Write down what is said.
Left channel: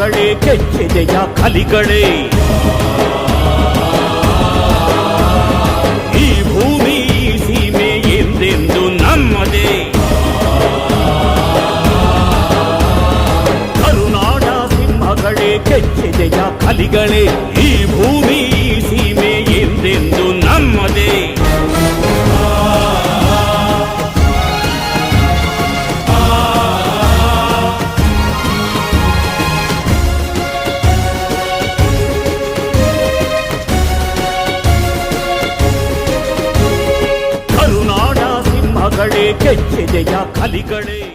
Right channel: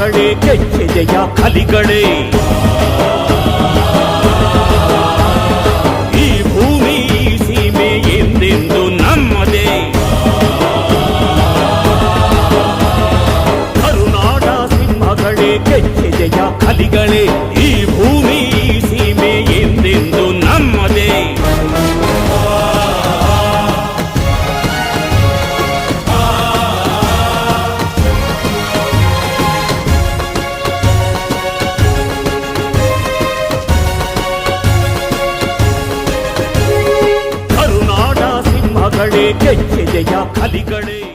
ಸಿಂಹಗಳೇ ಕೆಚ್ಚೆದೆಯ ಕಲಿಗಳೇ. ಈ ಭೂಮಿ ಈ ಸೀಮೆ ಎಂದೆಂದು ನಮ್ಮದೇ. ಕರುನಾಡ ಸಿಂಹಗಳೇ ಕೆಚ್ಚೆದೆಯ ಕಲಿಗಳೇ. ಈ ಭೂಮಿ ಈ ಸೀಮೆ ಎಂದೆಂದು ನಮ್ಮದೇ. ಕರುನಾಡ ಸಿಂಹಗಳೇ ಕೆಚ್ಚೆದೆಯ ಕಲಿಗಳೇ.